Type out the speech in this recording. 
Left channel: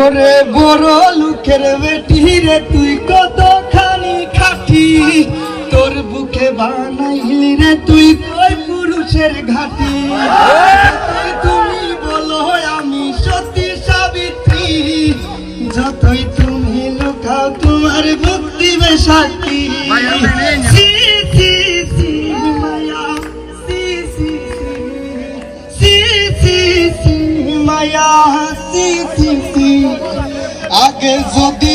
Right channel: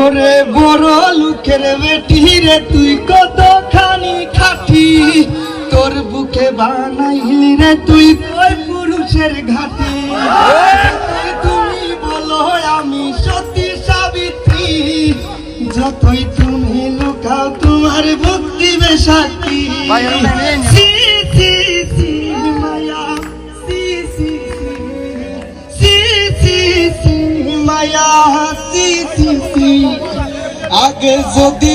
ওরে বড় লোকের বেটি রে তুই কতখানি খাটি, তোর বুকে বানাইলি রে তুই কই পুরুষের ঘাটি। তুমি বলো আমি সতী সাবিত্রী, যতই তুমি লুকাও তোমার বুক দিবে সাক্ষী। সি সি সি মায়া, সি সি সি সি সি মায়া, সি সি সি। আগে যদি